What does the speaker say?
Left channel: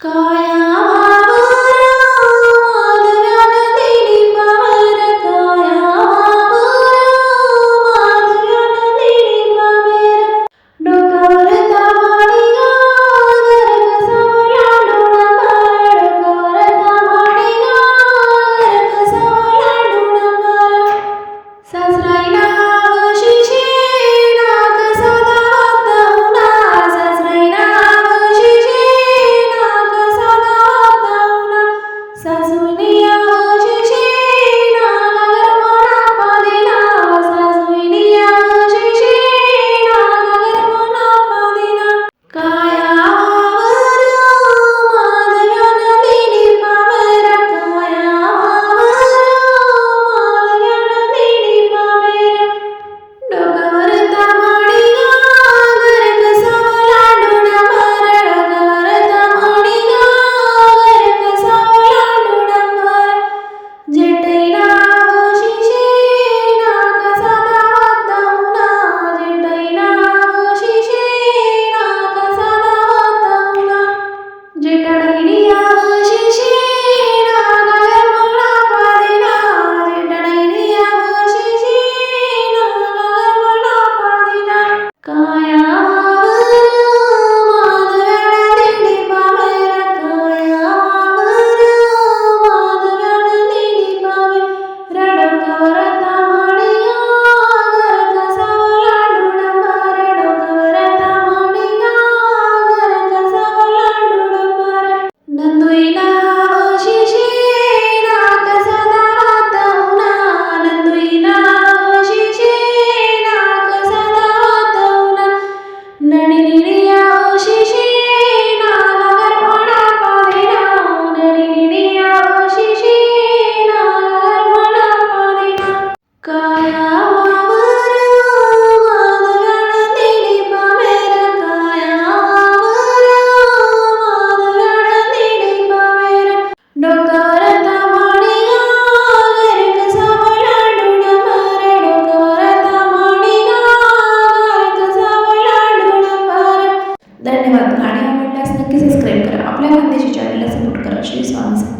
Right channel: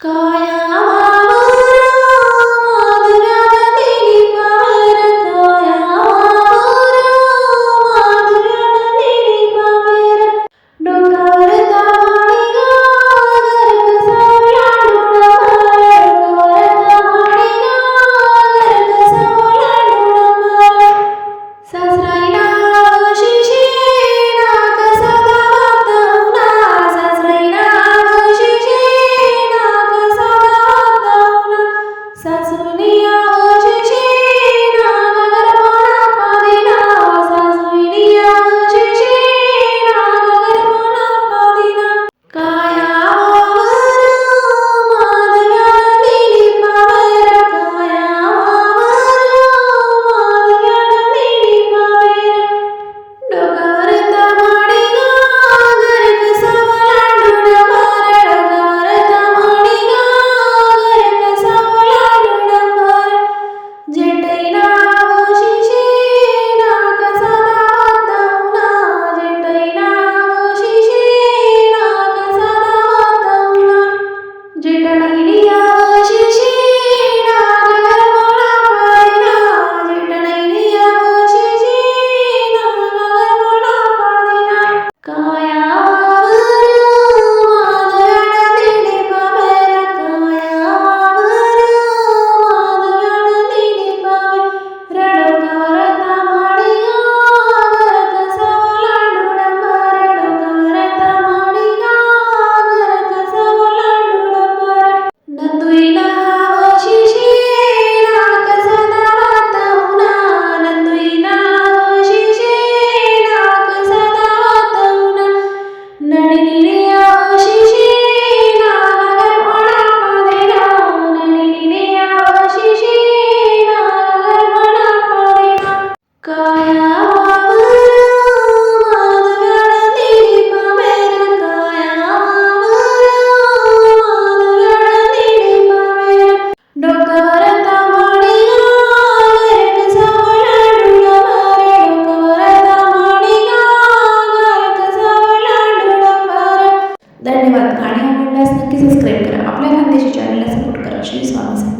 高呀 shoes on